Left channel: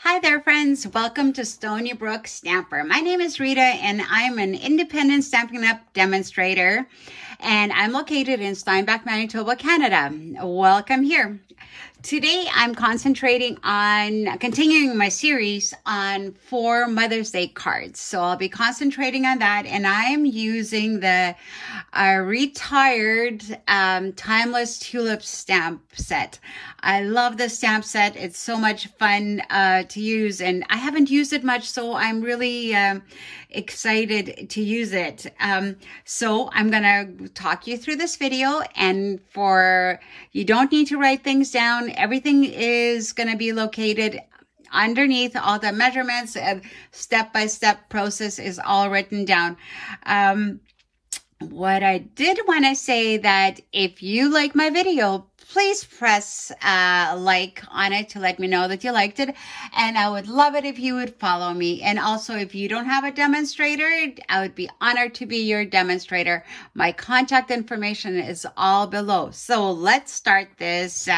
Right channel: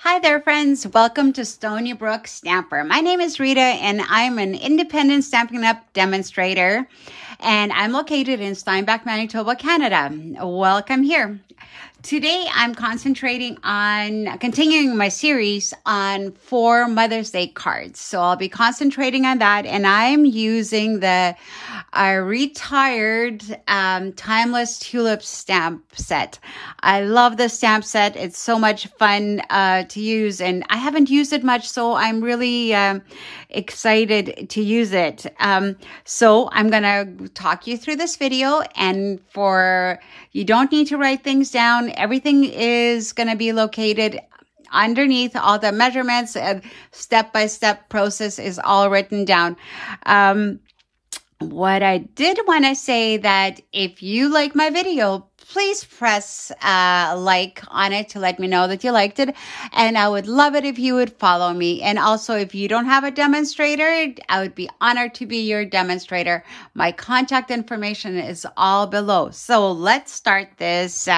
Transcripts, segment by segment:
Hi there, friends. Welcome to Stony Brook Stamper. My name is Rita, and I'm an independent Stampin' Up! Demonstrator, and I'm located in Steinbach, Manitoba, Canada. Welcome here. Today, I'm concentrating on continuing my series on 4 Mother's Day cards. So I'll be concentrating on that, and I'm using the retired Timeless Tulips stamp set. I love the stamp set. It's so much fun to use, and I haven't used it much, so I'm really excited to use it. So I'm gonna talk you through this video, and you don't need to write things down. Everything is gonna be located underneath. All the measurements and step-by-step process is all written down. What I did want to say that if you like my video, please press like on it to let me know that you liked it. And I would love it if you would follow me. And also, if you don't have a demonstrator, I would be honored to be your demonstrator. My contact information is all below. So let's start this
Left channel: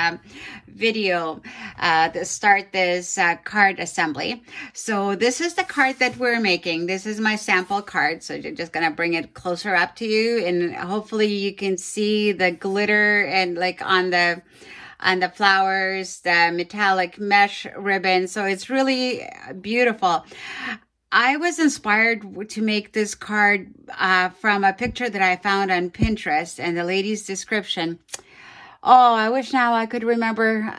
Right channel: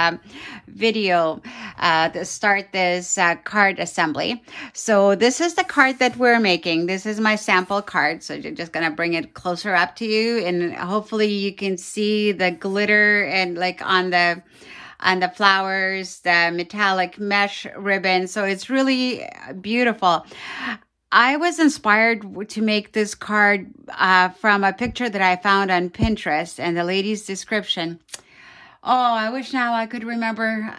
video, card assembly. So this is the card that we're making. This is my sample card. So you're just going to bring it closer up to you, and hopefully you can see the glitter and like on the flowers, the metallic mesh ribbon. So it's really beautiful. I was inspired to make this card from a picture that I found on Pinterest and the lady's description. Oh, I wish now I could remember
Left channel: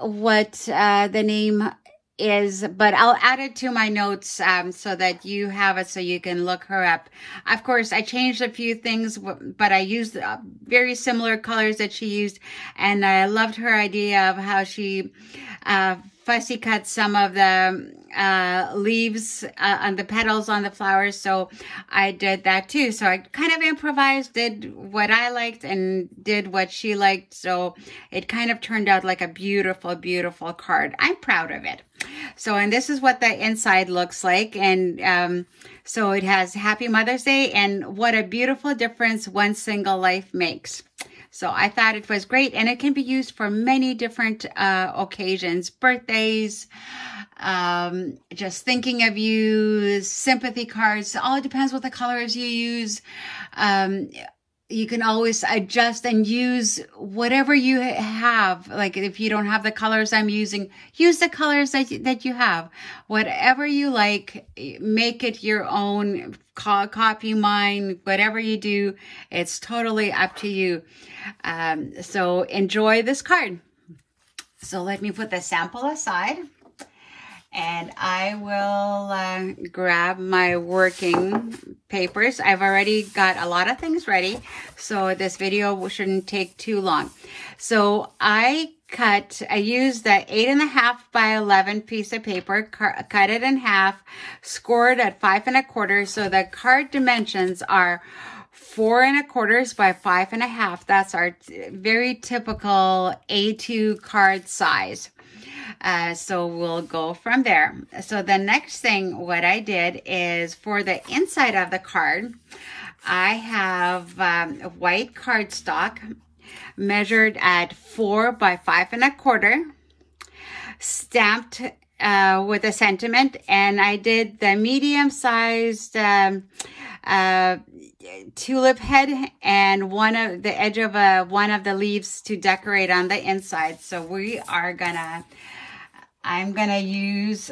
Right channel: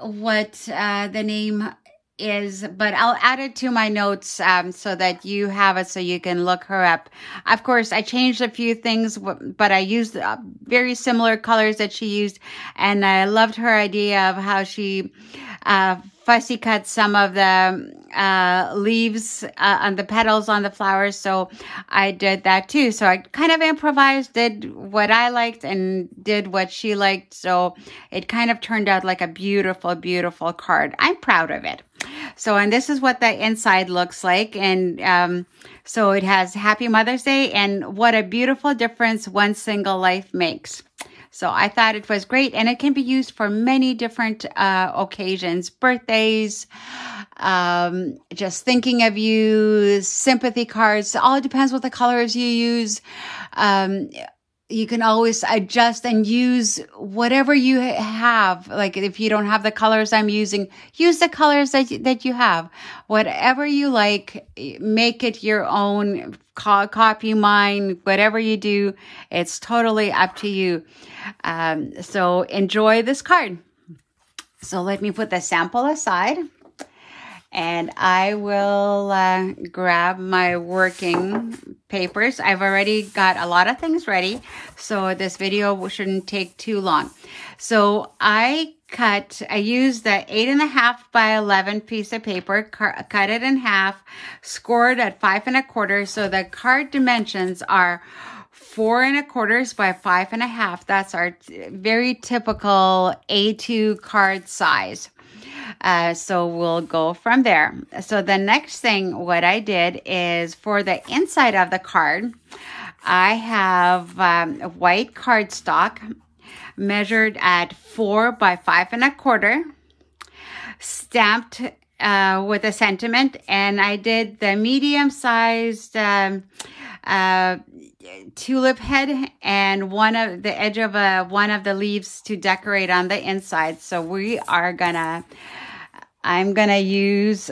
what the name is, but I'll add it to my notes so that you have it, so you can look her up. Of course, I changed a few things, but I used very similar colors that she used, and I loved her idea of how she fussy cut some of the leaves on the petals on the flowers. So I did that too. So I kind of improvised, did what I liked and did what she liked. So it kind of turned out like a beautiful, beautiful card. I'm proud of it. So, and this is what the inside looks like. And so it has Happy Mother's Day, and what a beautiful difference one single life makes. So I thought it was great, and it can be used for many different occasions, birthdays, just thinking of you, sympathy cards. All depends what the colors you use. You can always adjust and use whatever you have. Like if you don't have the colors I'm using, use the colors that you have. Whatever you like, make it your own, copy mine, whatever you do, it's totally up to you. So enjoy this card. So let me put the sample aside, and I will grab my working papers. I've already got a lot of things ready, so this video shouldn't take too long. So I used the 8.5 by 11 piece of paper, cut it in half, scored at 5 1/4. So the card dimensions are 4 1/4 by 5 1/2. That's our very typical A2 card size. So we'll go from there. So the next thing, what I did is for the inside of the card, I have white cardstock measured at 4 by 5 1/4, stamped with a sentiment, and I did the medium-sized tulip head and one of the edge of one of the leaves to decorate on the inside. So I'm gonna use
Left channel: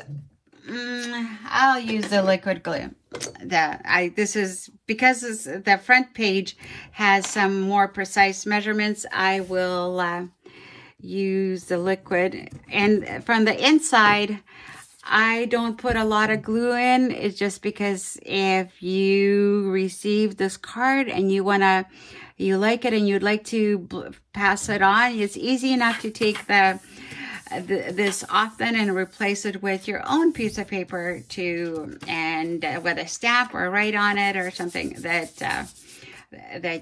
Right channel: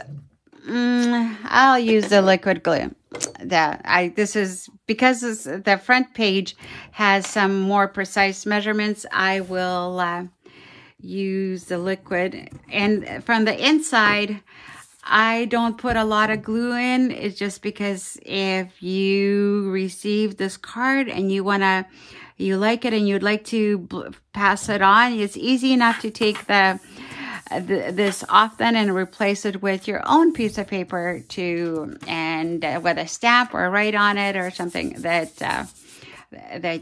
I'll use the liquid glue. This is because the front page has some more precise measurements. I will use the liquid, and from the inside I don't put a lot of glue in. It's just because if you receive this card and you like it and you'd like to pass it on, it's easy enough to take this off then and replace it with your own piece of paper and with a stamp or write on it or something that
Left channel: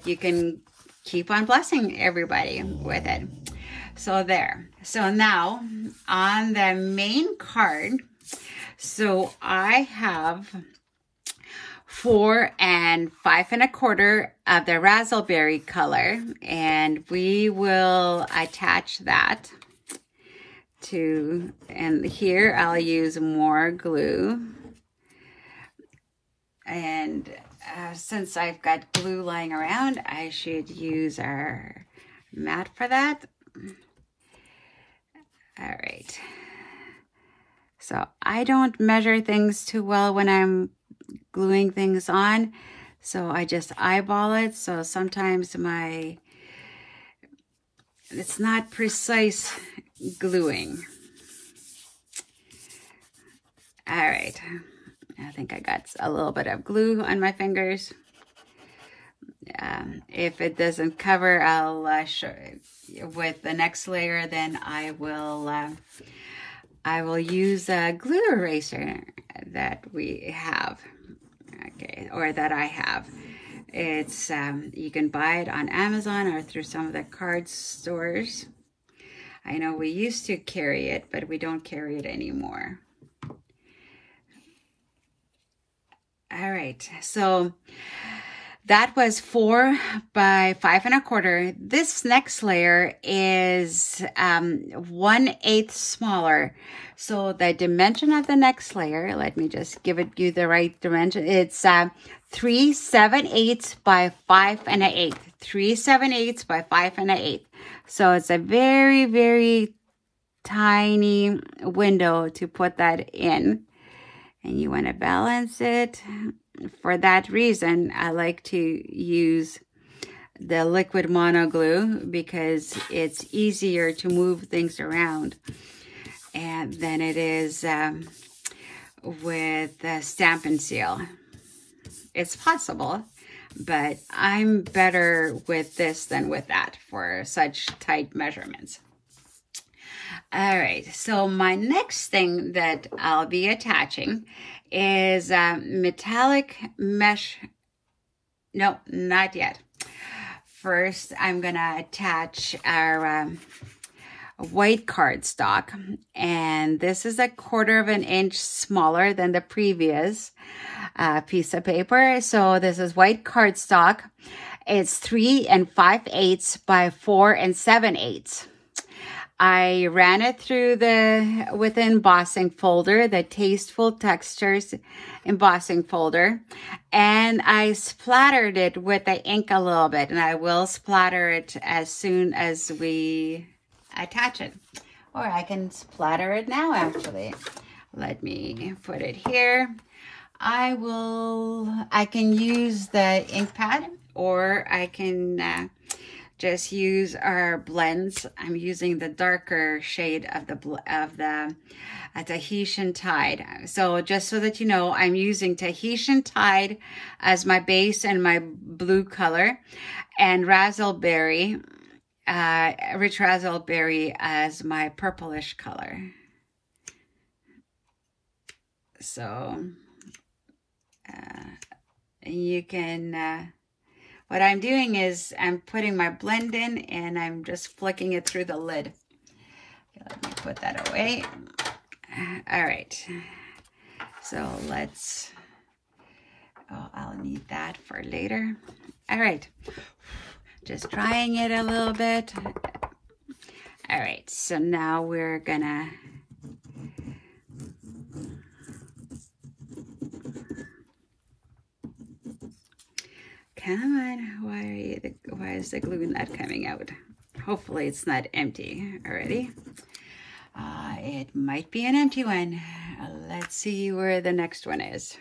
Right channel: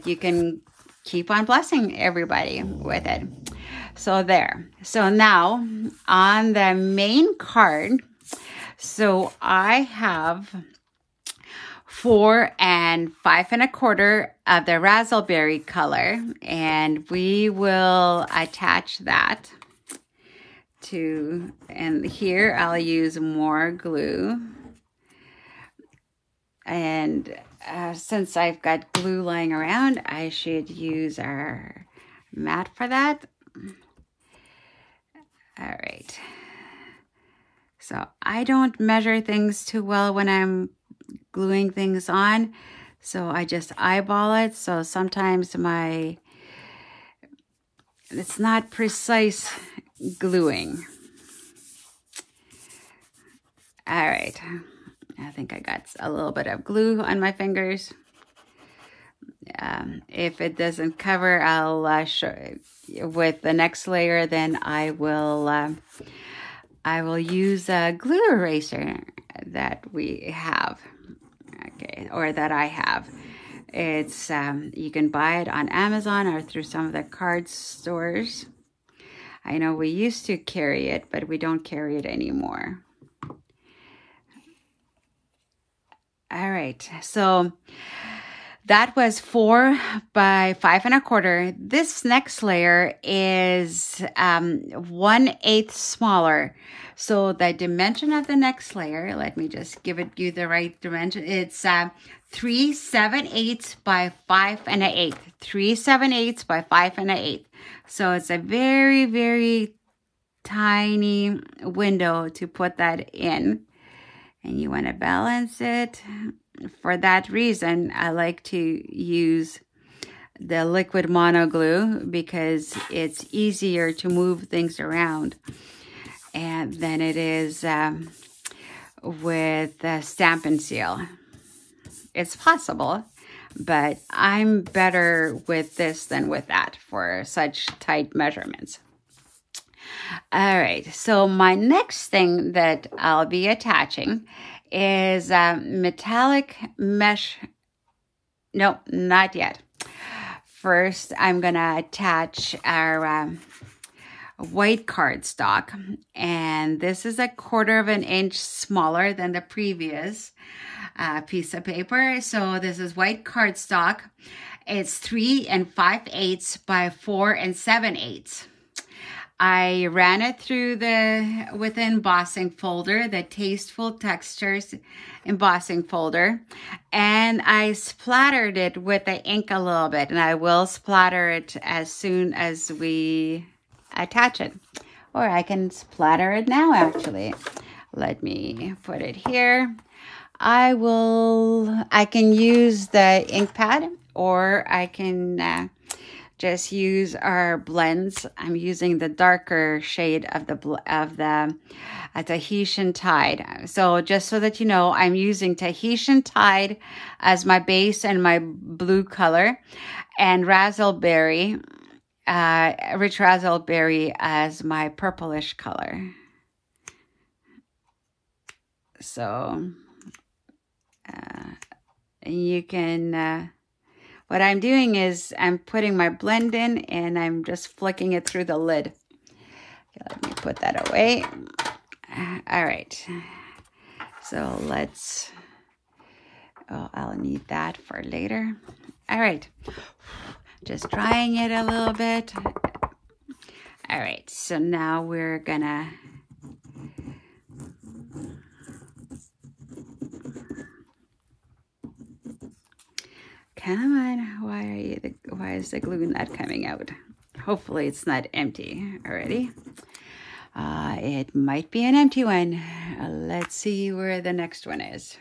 you can keep on blessing everybody with it. So there. So now on the main card, so I have 4 and 5 1/4 of the Razzleberry color, and we will attach that and here I'll use more glue. And since I've got glue lying around, I should use our mat for that. All right. So I don't measure things too well when I'm gluing things on. So I just eyeball it. So sometimes it's not precise gluing. All right. I think I got a little bit of glue on my fingers. If it doesn't cover, I'll show with the next layer. Then I will use a glue eraser that we have, okay, or that I have. It's you can buy it on Amazon or through some of the card stores. I know we used to carry it, but we don't carry it anymore. All right, so that was 4 by 5 1/4. This next layer is 1/8 smaller. So the dimension of the next layer, let me just give you the right dimension. It's 3 7/8 by 5 1/8. 3 7/8 by 5 1/8. So it's a very, very tiny window to put that in. And you want to balance it. For that reason, I like to use the liquid mono glue because it's easier to move things around and than it is with Stampin' Seal. It's possible, but I'm better with this than with that for such tight measurements. All right, so my next thing that I'll be attaching is metallic mesh. No, not yet. First, I'm gonna attach our white cardstock, and this is 1/4 inch smaller than the previous piece of paper. So this is white cardstock. It's 3 5/8 by 4 7/8. I ran it through with the embossing folder, the Tasteful Textures embossing folder, and I splattered it with the ink a little bit, and I will splatter it as soon as we attach it. Or I can splatter it now, actually. Let me put it here. I can use the ink pad, or I can just use our blends. I'm using the darker shade of the Tahitian Tide. So just so that you know, I'm using Tahitian Tide as my base and my blue color, and Razzleberry, rich Razzleberry as my purplish color. So you can what I'm doing is I'm putting my blend in and I'm just flicking it through the lid. Okay, let me put that away. All right. So let's, oh, I'll need that for later. All right. Just drying it a little bit. All right. So now we're gonna come on, why is the glue not coming out? Hopefully it's not empty already. It might be an empty one. Let's see where the next one is.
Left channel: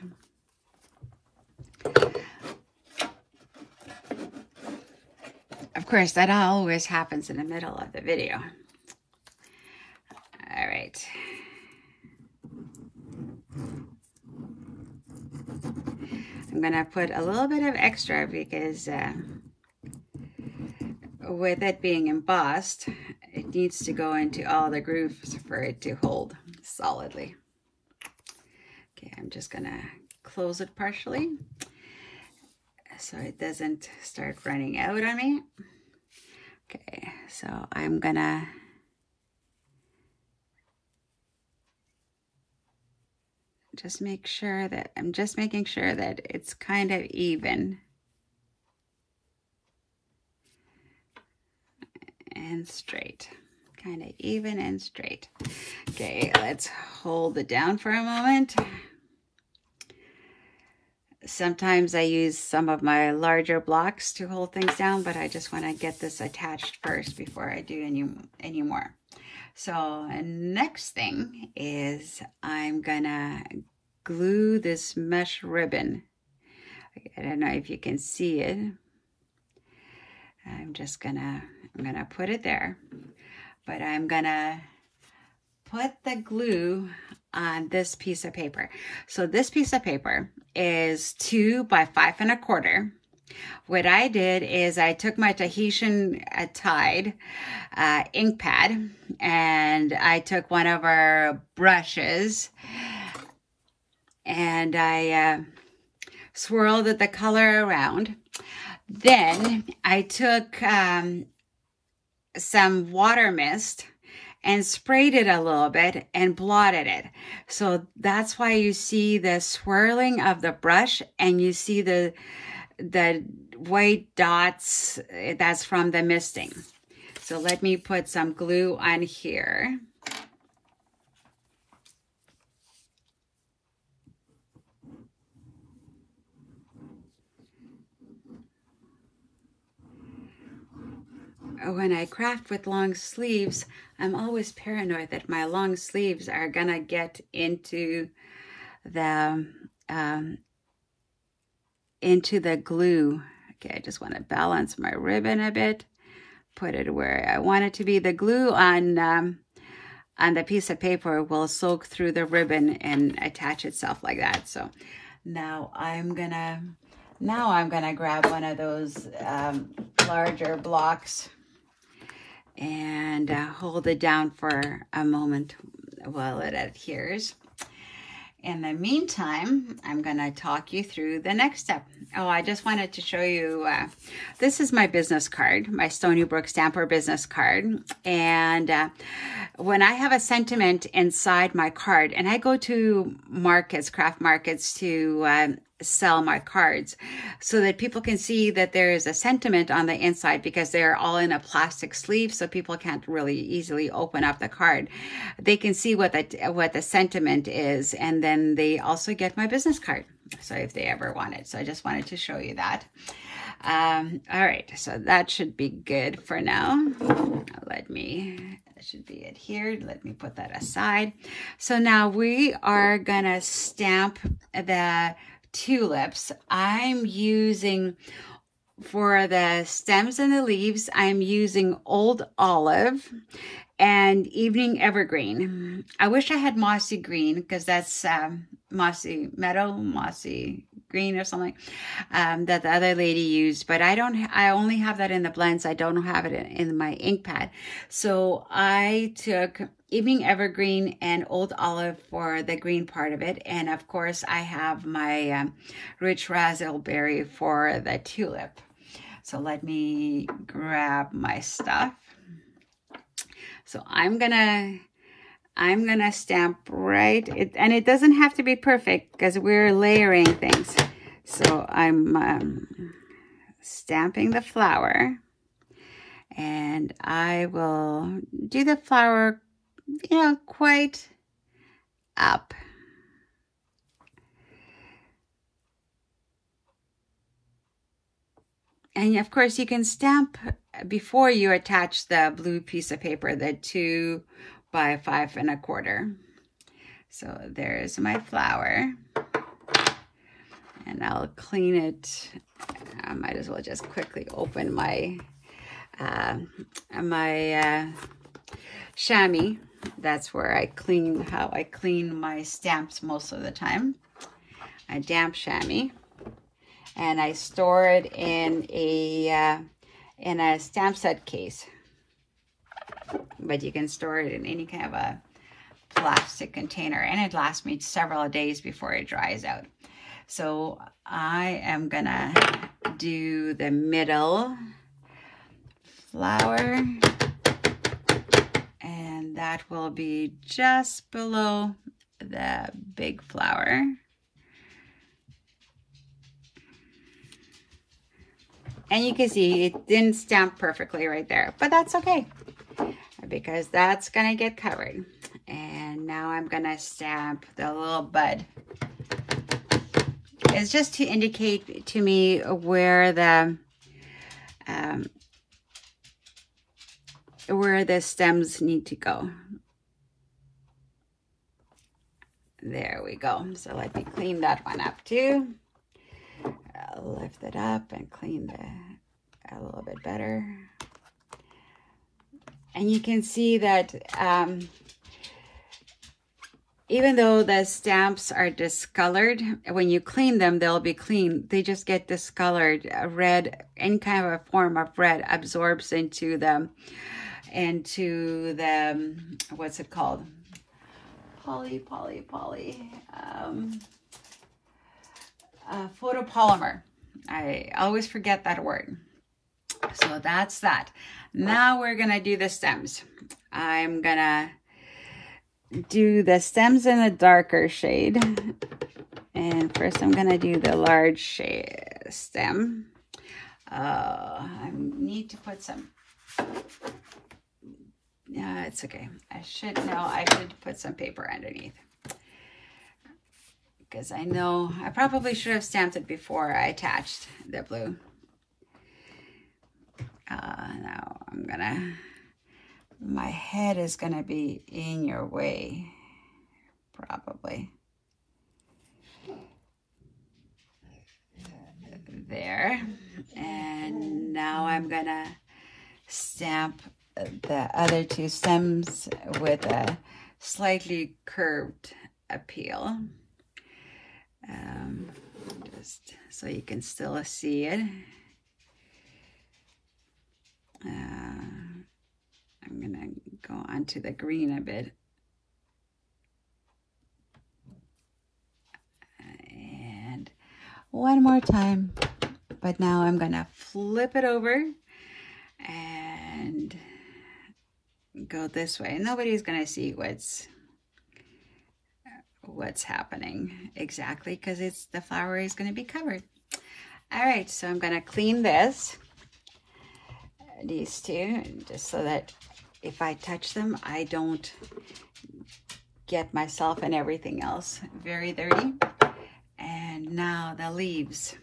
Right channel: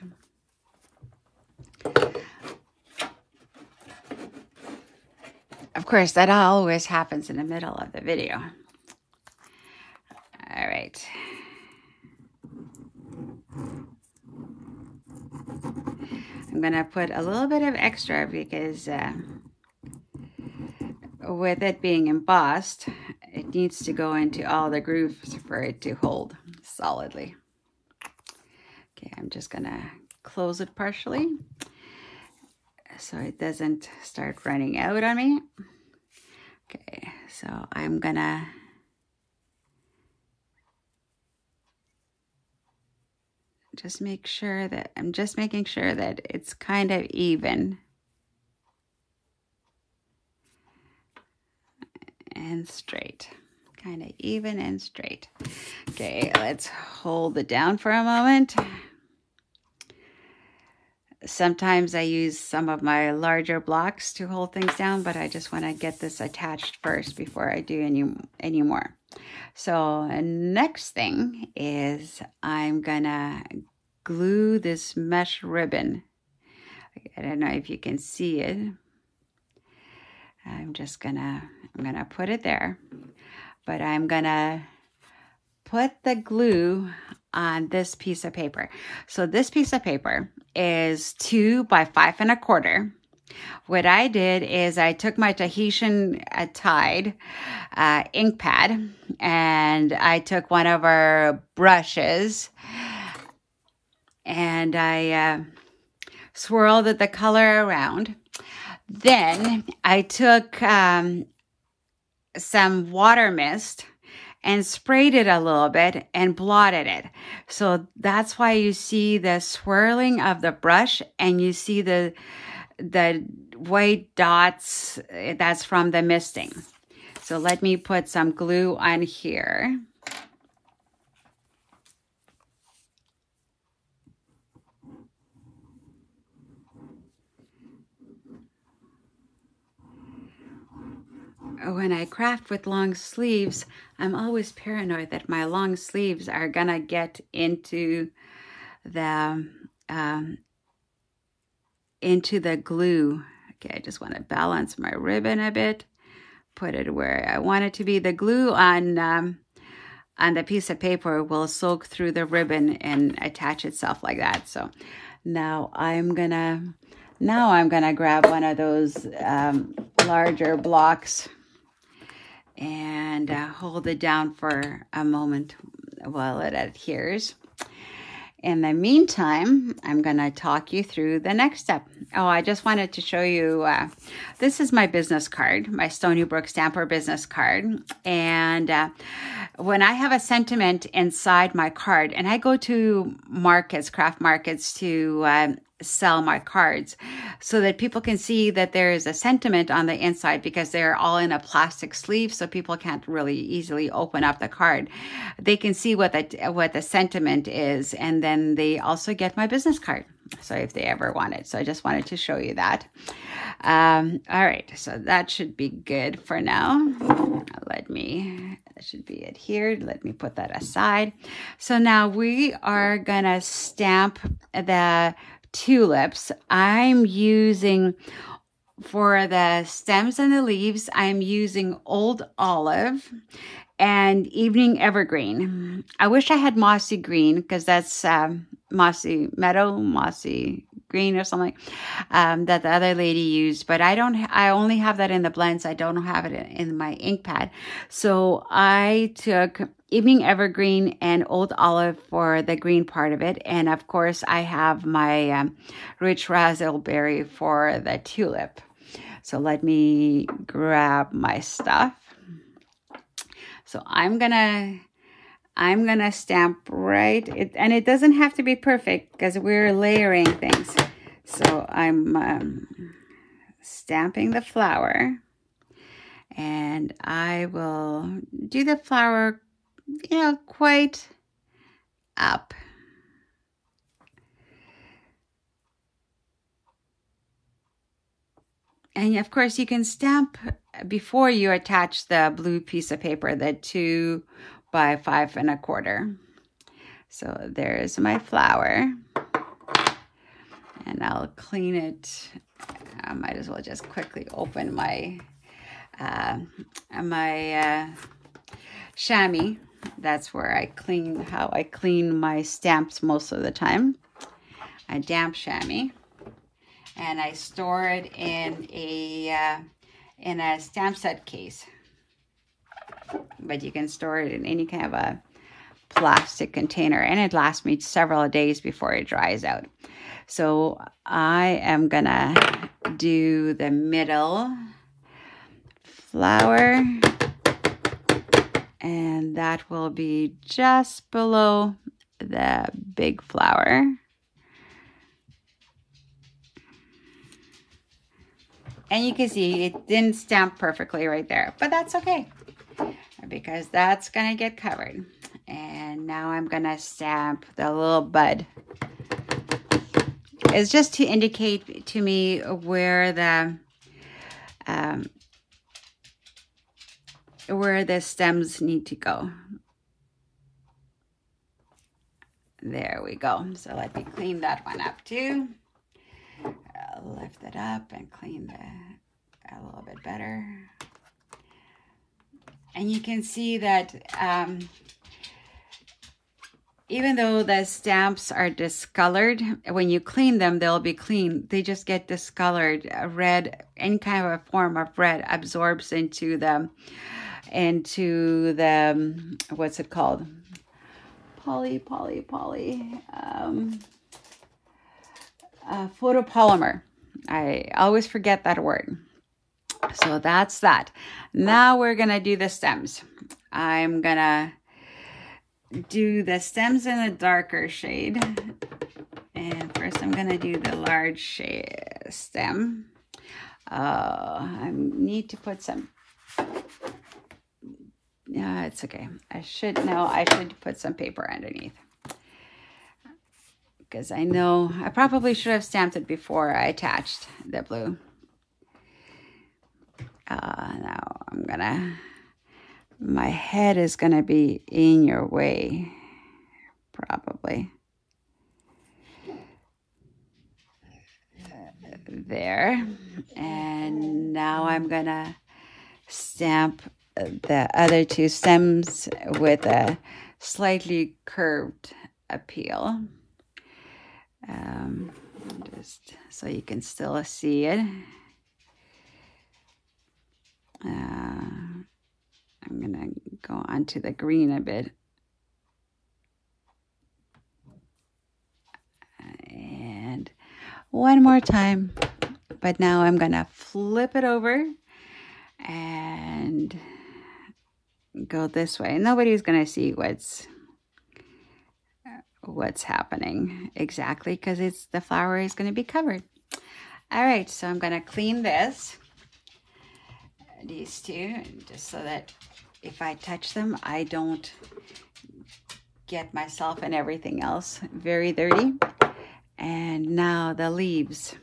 Of course, that always happens in the middle of the video. All right. I'm gonna put a little bit of extra because with it being embossed, it needs to go into all the grooves for it to hold solidly. Okay, I'm just gonna close it partially so it doesn't start running out on me. Okay, so I'm gonna just make sure that, I'm just making sure that it's kind of even and straight. kind of even and straight. Okay, let's hold it down for a moment. Sometimes I use some of my larger blocks to hold things down, but I just want to get this attached first before I do any more. So next thing is I'm gonna glue this mesh ribbon. I don't know if you can see it. I'm gonna put it there, but I'm gonna put the glue on this piece of paper. So this piece of paper is 2 by 5 1/4. What I did is I took my Tahitian Tide ink pad, and I took one of our brushes, and I swirled the color around. Then I took some water mist and sprayed it a little bit and blotted it. So that's why you see the swirling of the brush, and you see the white dots. That's from the misting. So let me put some glue on here. When I craft with long sleeves, I'm always paranoid that my long sleeves are gonna get into the glue. Okay, I just want to balance my ribbon a bit, put it where I want it to be. The glue on the piece of paper will soak through the ribbon and attach itself like that. So now I'm gonna grab one of those larger blocks and hold it down for a moment while it adheres. In the meantime, I'm going to talk you through the next step. Oh, I just wanted to show you, this is my business card, my Stony Brook Stamper business card. And when I have a sentiment inside my card, and I go to markets, craft markets, to sell my cards so that people can see that there is a sentiment on the inside, because they're all in a plastic sleeve, so people can't really easily open up the card. They can see what the sentiment is, and then they also get my business card, so if they ever want it. So I just wanted to show you that. All right, so that should be good for now. That should be adhered. Let me put that aside. So now we are gonna stamp the tulips. I'm using, for the stems and the leaves, I'm using Old Olive and Evening Evergreen. I wish I had Mossy Green, because that's Mossy Meadow, Mossy Green or something that the other lady used, but I only have that in the blends. I don't have it in my ink pad. So I took Evening Evergreen and Old Olive for the green part of it, and of course I have my rich razzleberry for the tulip. So let me grab my stuff. So I'm gonna stamp and it doesn't have to be perfect because we're layering things. So I'm stamping the flower, and I will do the flower, quite up. And of course you can stamp before you attach the blue piece of paper, the 2 by 5 1/4. So there's my flower, and I'll clean it. I might as well just quickly open my chamois. That's where how I clean my stamps most of the time. A damp chamois, and I store it in a stamp set case. But you can store it in any kind of a plastic container, and it lasts me several days before it dries out. So I am gonna do the middle flower, and that will be just below the big flower. And you can see it didn't stamp perfectly right there, but that's okay. because that's gonna get covered. And now I'm gonna stamp the little bud. It's just to indicate to me where the stems need to go. There we go. So let me clean that one up too. I'll lift it up and clean a little bit better. And you can see that even though the stamps are discolored, when you clean them, they'll be clean. They just get discolored. Red, any kind of a form of red absorbs into the, what's it called? Photopolymer. I always forget that word. So that's that. Now we're gonna do the stems. I'm gonna do the stems in a darker shade. And first I'm gonna do the large stem. I need to put some, no, it's okay. I should put some paper underneath. Because I know, I probably should have stamped it before I attached the blue. Now I'm gonna, my head is gonna be in your way, probably. There. And now I'm gonna stamp the other two stems with a slightly curved appeal. Just so you can still see it. I'm gonna go onto the green a bit. And one more time. But now I'm gonna flip it over and go this way. Nobody's gonna see what's happening exactly because the flower is going to be covered. All right, so I'm going to clean these two, just so that if I touch them, I don't get myself and everything else very dirty. And now the leaves.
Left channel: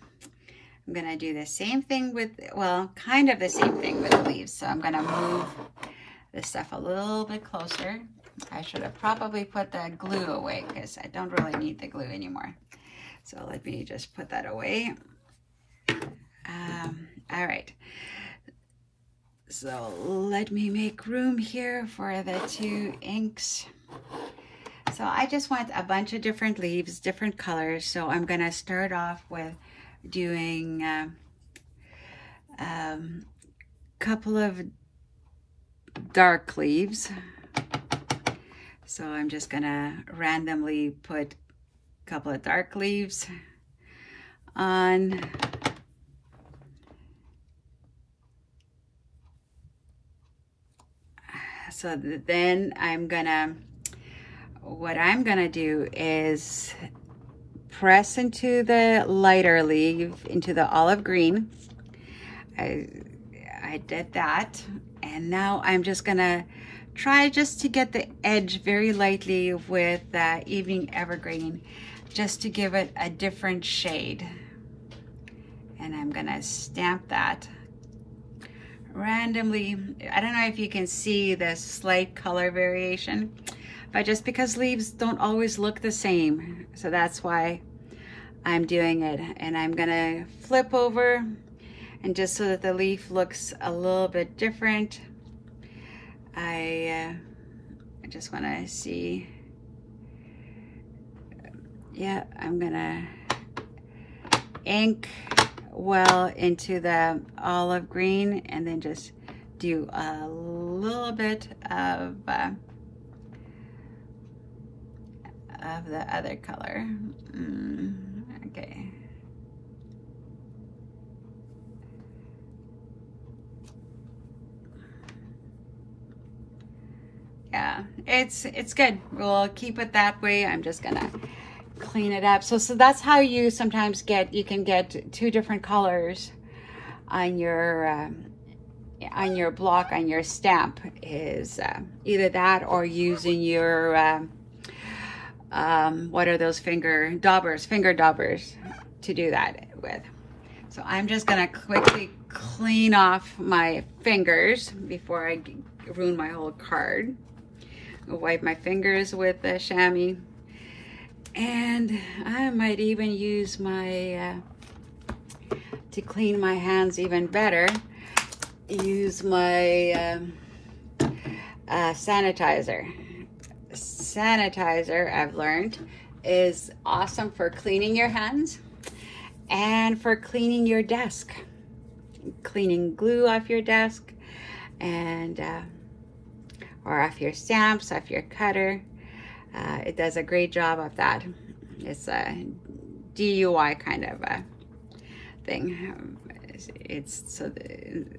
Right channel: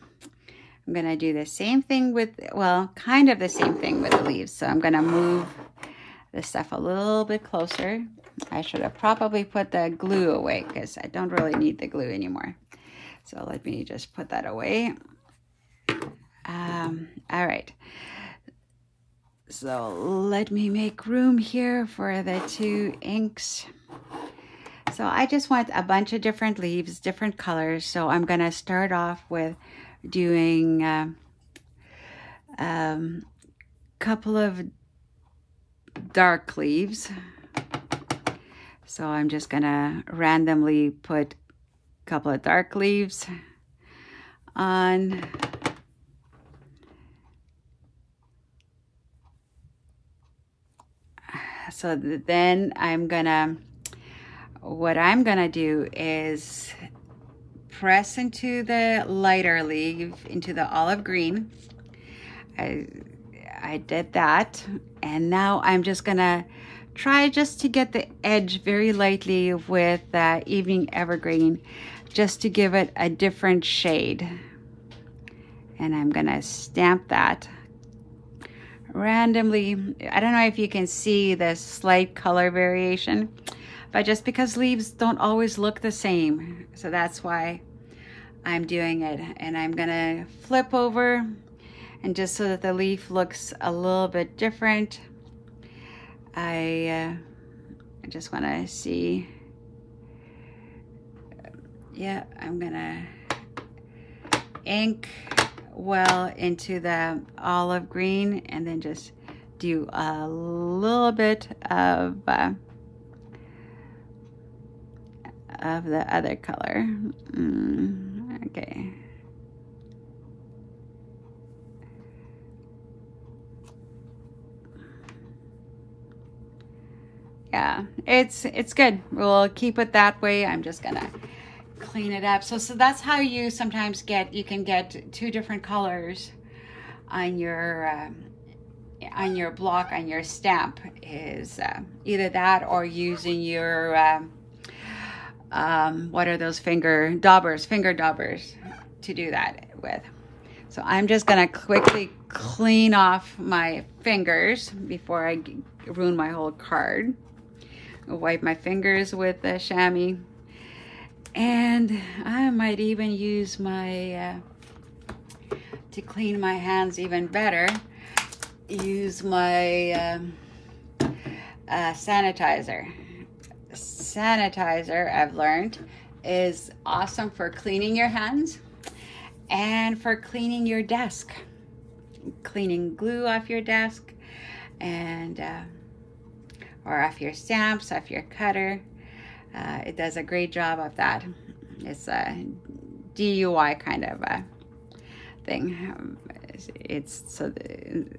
I'm going to do the same thing with, well, kind of the same thing with the leaves. So I'm going to move this stuff a little bit closer. I should have probably put the glue away because I don't really need the glue anymore. So let me just put that away. All right. So let me make room here for the two inks. So I just want a bunch of different leaves, different colors. So I'm going to start off with doing a couple of dark leaves. So I'm just gonna randomly put a couple of dark leaves on. So then what I'm gonna do is press into the lighter leaf, into the olive green. I did that, and now I'm just gonna try just to get the edge very lightly with Evening Evergreen, just to give it a different shade. And I'm gonna stamp that randomly. I don't know if you can see the slight color variation, but just because leaves don't always look the same, so that's why I'm doing it. And I'm gonna flip over, and just so that the leaf looks a little bit different, I just want to see. Yeah, I'm gonna ink well into the olive green, and then just do a little bit of the other color. Okay. Yeah, it's good. We'll keep it that way. I'm just gonna clean it up. So that's how you sometimes you can get two different colors on your on your block, on your stamp, is either that or using your what are those finger daubers to do that with. So I'm just gonna quickly clean off my fingers before I ruin my whole card. I'll wipe my fingers with the chamois, and I might even use my to clean my hands even better, use my sanitizer. Sanitizer, I've learned, is awesome for cleaning your hands and for cleaning your desk, cleaning glue off your desk, and or off your stamps, off your cutter. It does a great job of that. It's a DIY kind of a thing.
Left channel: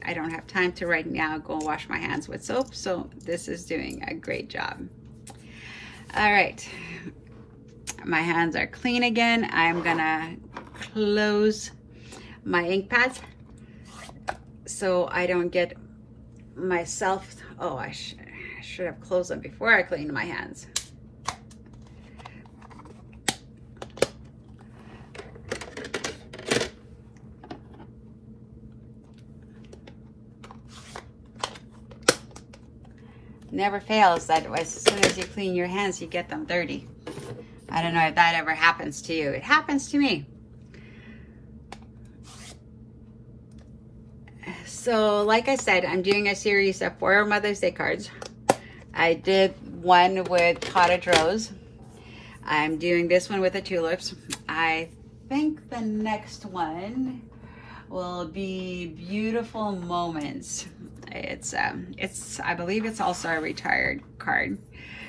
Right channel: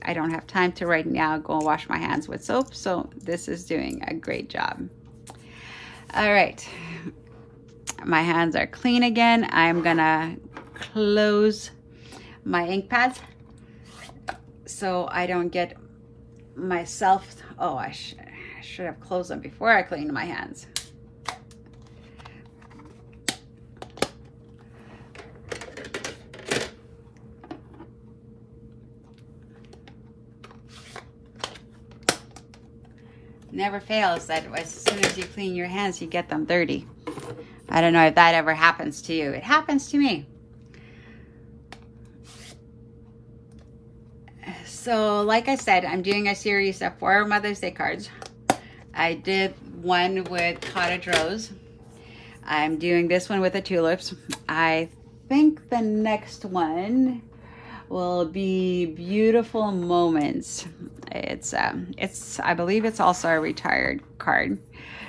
I don't have time to right now go wash my hands with soap, so this is doing a great job. All right, my hands are clean again. I'm gonna close my ink pads so I don't get myself, oh, I should have closed them before I cleaned my hands. Never fails that as soon as you clean your hands, you get them dirty. I don't know if that ever happens to you. It happens to me. So like I said, I'm doing a series of 4 Mother's Day cards. I did one with Cottage Rose. I'm doing this one with the tulips. I think the next one will be Beautiful Moments. It's I believe it's also a retired card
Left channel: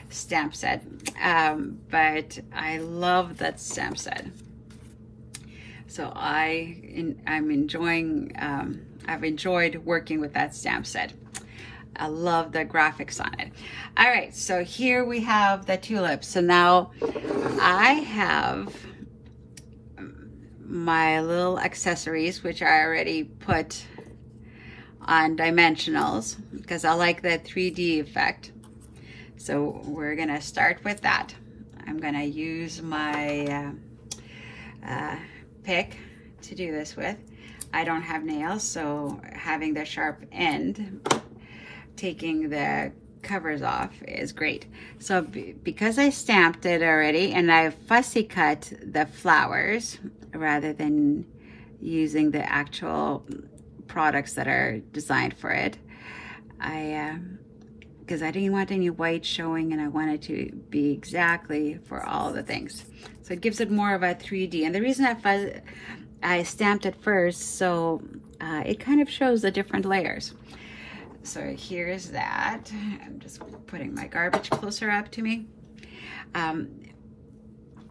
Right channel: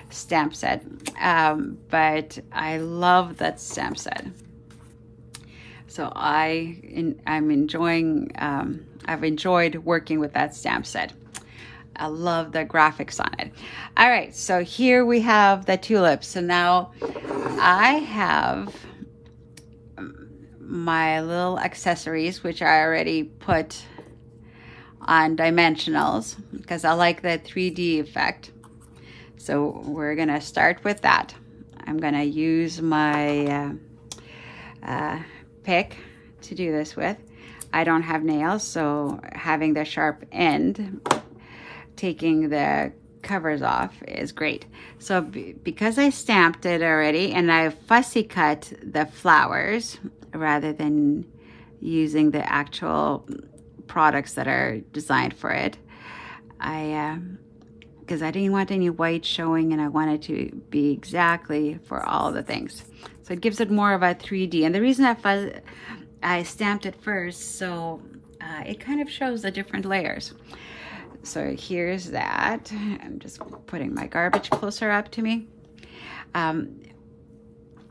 stamp set, but I love that stamp set. So I'm enjoying, I've enjoyed working with that stamp set. I love the graphics on it. All right, so here we have the tulips. So now I have my little accessories, which I already put on dimensionals because I like the 3D effect. So we're gonna start with that. I'm gonna use my pick to do this with. I don't have nails, so having the sharp end, taking the covers off is great. So because I stamped it already and I fussy cut the flowers rather than using the actual products that are designed for it, because I didn't want any white showing and I wanted to be exactly for all the things. So it gives it more of a 3D. And the reason I stamped it first, so it kind of shows the different layers. So here's that. I'm just putting my garbage closer up to me.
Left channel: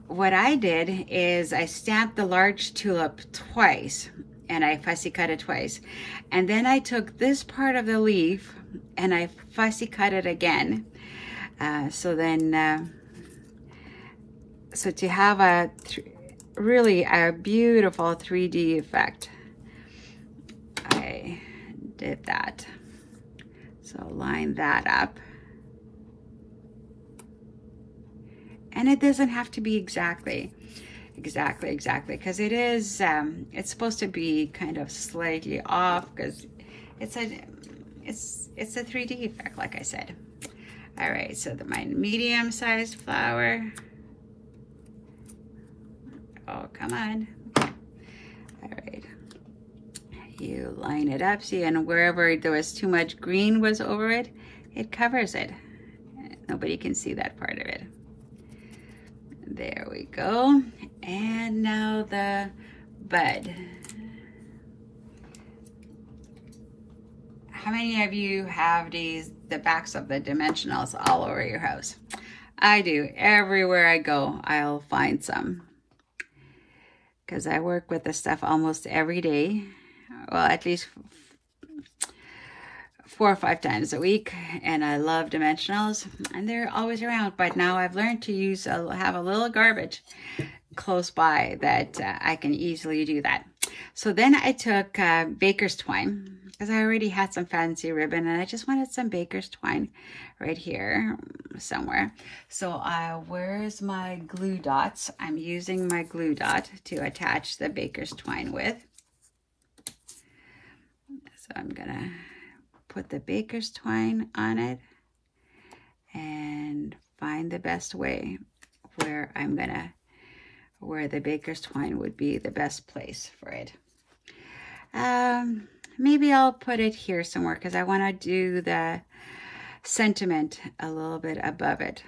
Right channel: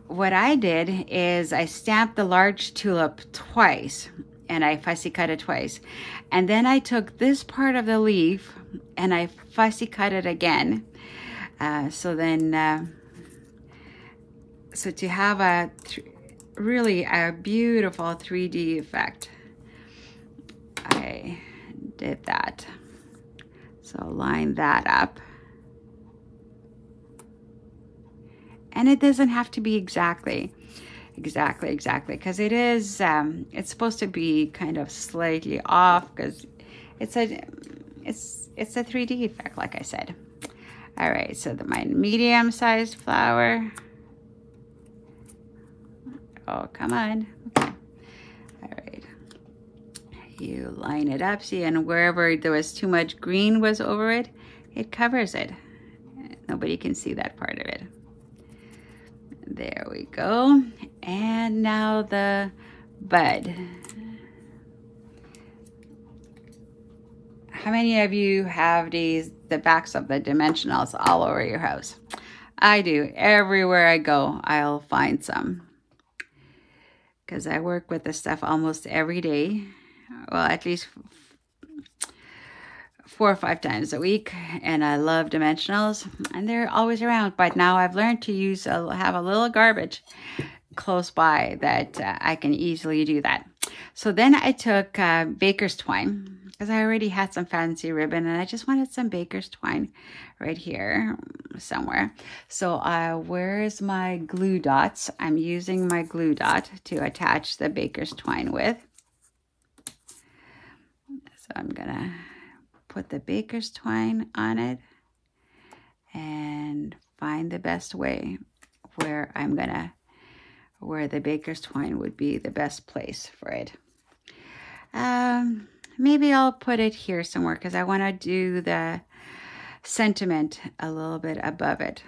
What I did is I stamped the large tulip twice and I fussy cut it twice. And then I took this part of the leaf and I fussy cut it again. So to have really a beautiful 3D effect, I did that. So line that up. And it doesn't have to be exactly, because it is, it's supposed to be kind of slightly off because it's a 3D effect, like I said. All right, so my medium-sized flower. Oh, come on. Okay. All right. You line it up, see, and wherever there was too much green was over it, it covers it. Nobody can see that part of it. There we go. And now the bud. How many of you have the backs of the dimensionals all over your house? I do. Everywhere I go, I'll find some. Because I work with this stuff almost every day. Well, at least 4 or 5 times a week, and I love dimensionals, and they're always around. But now I've learned to have a little garbage close by that I can easily do that. So then I took baker's twine, because I already had some fancy ribbon and I just wanted some baker's twine right here somewhere. So where's my glue dots? I'm using my glue dot to attach the baker's twine with. So I'm gonna put the baker's twine on it and find the best way where where the baker's twine would be the best place for it. Maybe I'll put it here somewhere because I want to do the sentiment a little bit above it.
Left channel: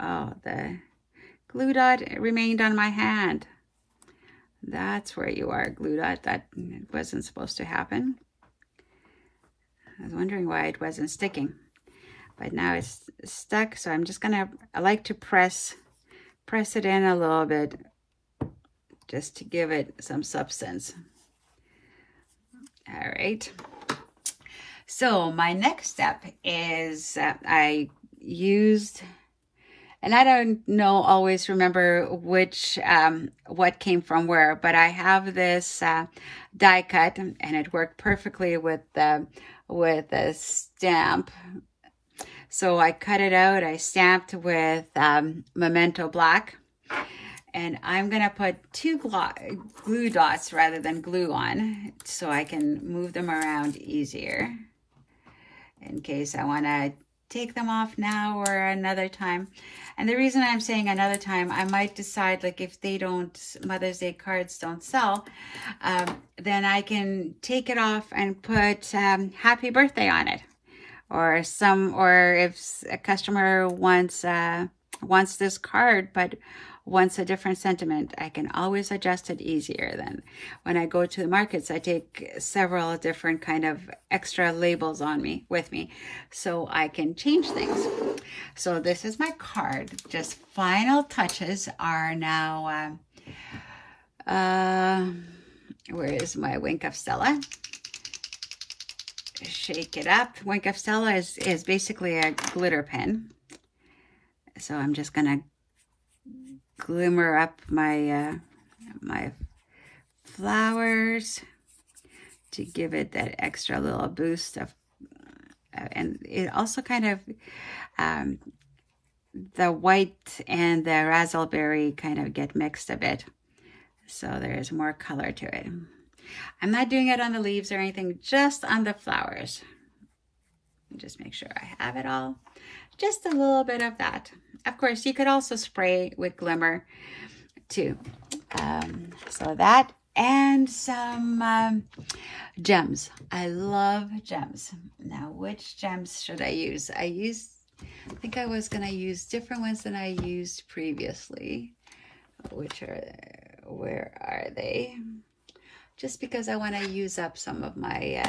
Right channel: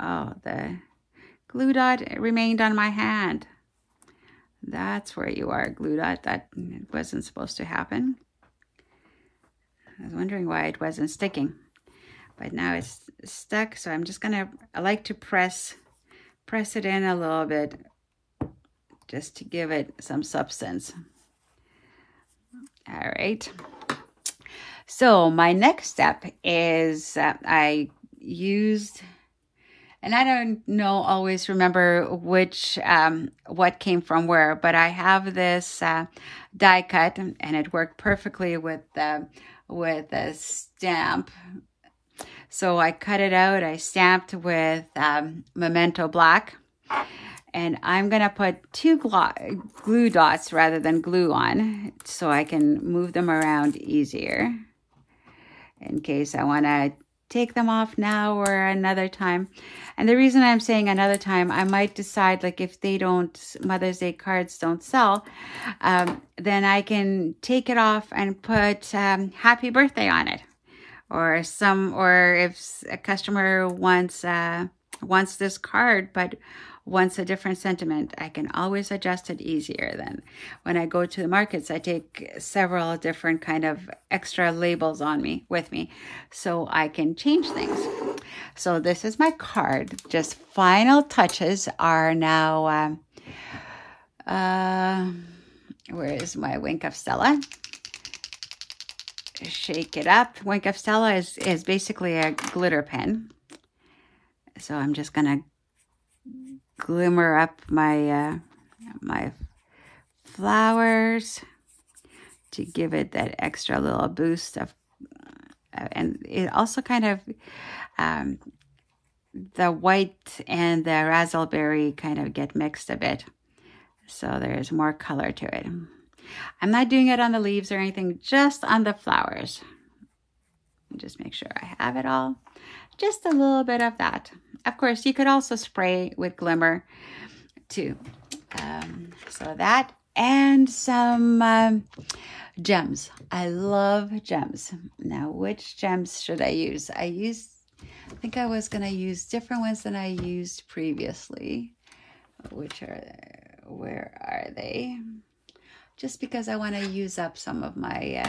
Oh, the glue dot remained on my hand. That's where you are, glue dot. That wasn't supposed to happen. I was wondering why it wasn't sticking, but now it's stuck. So I'm just gonna, I like to press it in a little bit just to give it some substance. All right. So my next step is I used, and I don't know, always remember which, what came from where, but I have this die cut and it worked perfectly with the stamp. So I cut it out, I stamped with Memento Black, and I'm gonna put two glue dots rather than glue on so I can move them around easier in case I wanna take them off now or another time. And the reason I'm saying another time, I might decide, like, if they don't, Mother's Day cards don't sell, then I can take it off and put happy birthday on it. Or if a customer wants this card but wants a different sentiment, I can always adjust it easier. Than when I go to the markets, I take several different kind of extra labels with me so I can change things. So this is my card. Just final touches are now, where is my Wink of Stella? Shake it up. Wink of Stella is basically a glitter pen. So I'm just gonna glimmer up my my flowers to give it that extra little boost of, and it also kind of the white and the razzleberry kind of get mixed a bit, so there's more color to it. I'm not doing it on the leaves or anything, just on the flowers. Just make sure I have it all. Just a little bit of that. Of course, you could also spray with glimmer too. So that and some gems. I love gems. Now, which gems should I use? I think I was going to use different ones than I used previously. Where are they? Just because I want to use up some of my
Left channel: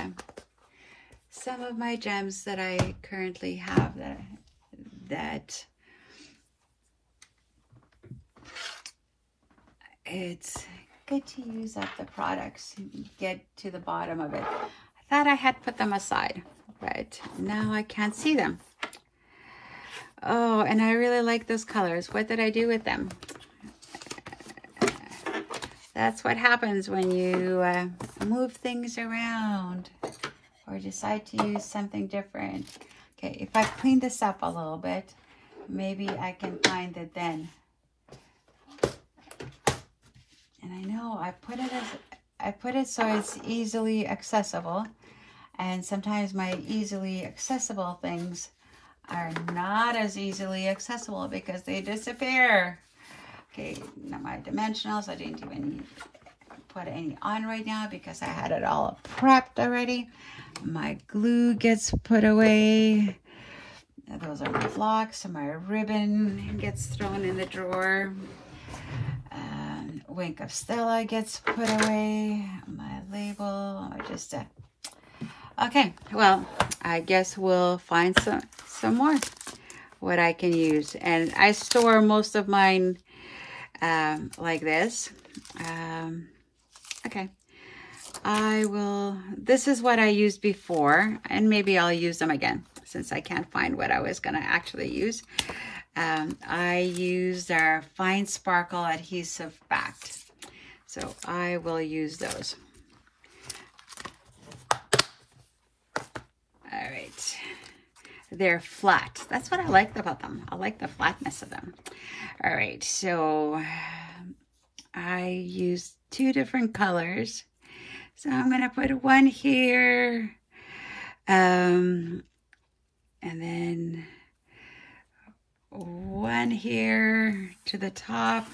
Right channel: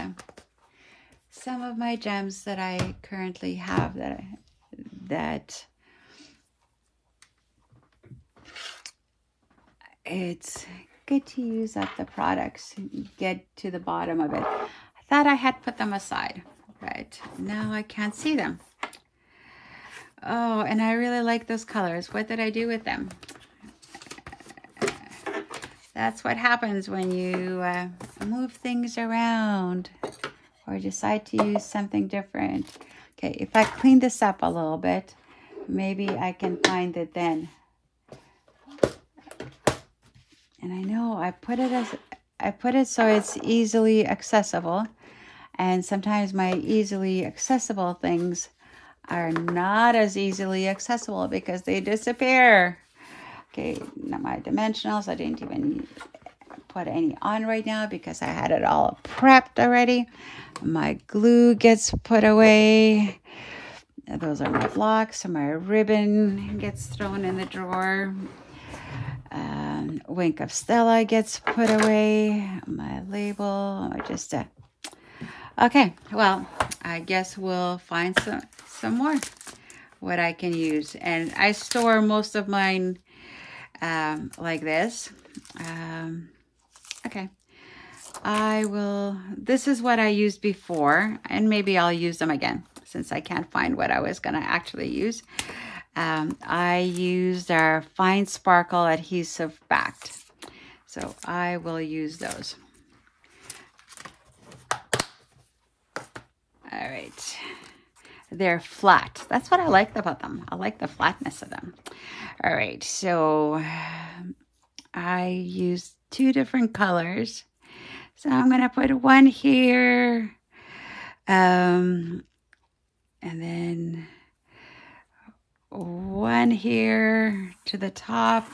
gems that I currently have that it's good to use up the products and get to the bottom of it. I thought I had put them aside, but now I can't see them. Oh, and I really like those colors. What did I do with them? That's what happens when you move things around or decide to use something different. Okay, if I clean this up a little bit, maybe I can find it then. And I know I put it so it's easily accessible, and sometimes my easily accessible things are not as easily accessible because they disappear. Okay, now my dimensionals, I didn't even put any on right now because I had it all prepped already. My glue gets put away. Those are my blocks. So my ribbon gets thrown in the drawer. Wink of Stella gets put away. My label, just okay. Well, I guess we'll find some more what I can use, and I store most of mine like this. Okay, this is what I used before, and maybe I'll use them again since I can't find what I was gonna actually use. I used our Fine Sparkle adhesive backed, so I will use those. flat. They're flat. That's what I like about them. I like the flatness of them. All right, so I used 2 different colors. So I'm going to put one here, and then one here to the top.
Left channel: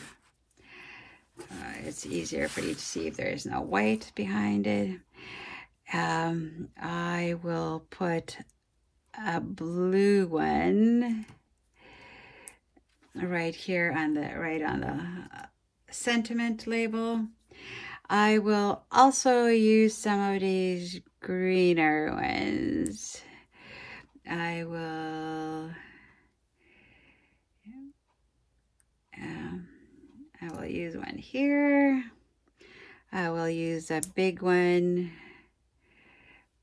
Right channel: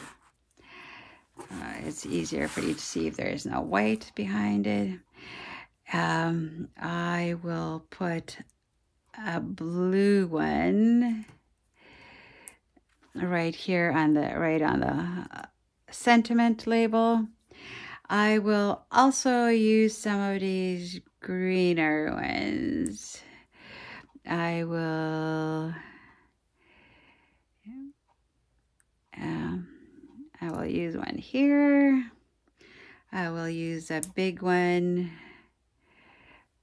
It's easier for you to see if there is no white behind it. I will put a blue one right here on the sentiment label. I will also use some of these greener ones. I will use one here. I will use a big one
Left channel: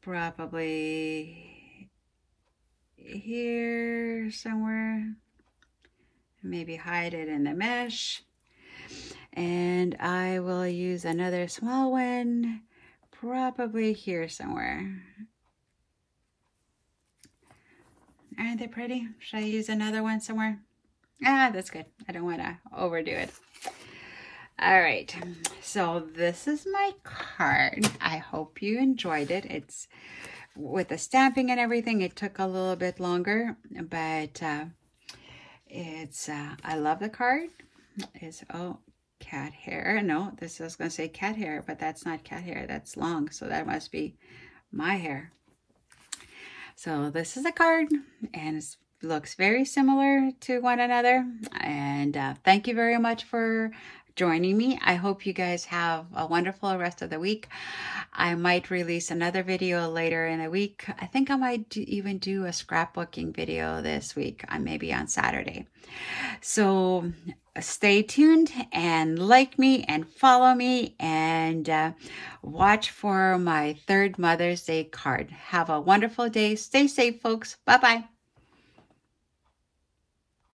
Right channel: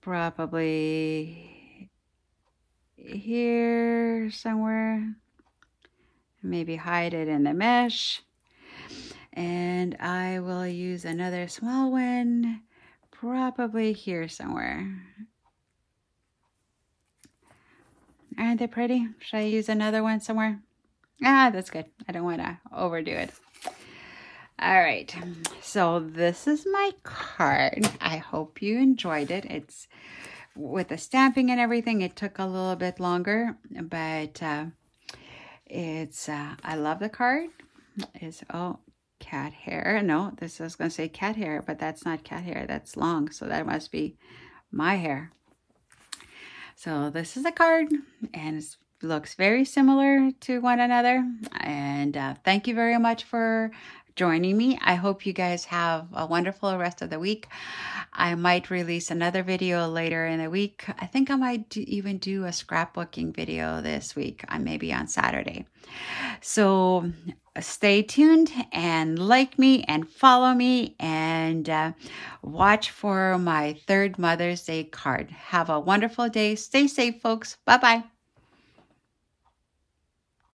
probably here somewhere. Maybe hide it in the mesh. And I will use another small one probably here somewhere. Aren't they pretty? Should I use another one somewhere? Ah, that's good. I don't want to overdo it. All right, so this is my card. I hope you enjoyed it. It's with the stamping and everything, it took a little bit longer, but I love the card. It's, oh, cat hair. No, this is going to say cat hair, but that's not cat hair. That's long, so that must be my hair. So this is a card, and it looks very similar to one another. And thank you very much for joining me. I hope you guys have a wonderful rest of the week. I might release another video later in the week. I think I might even do a scrapbooking video this week, maybe on Saturday. So stay tuned and like me and follow me, and watch for my 3rd Mother's Day card. Have a wonderful day. Stay safe, folks. Bye-bye.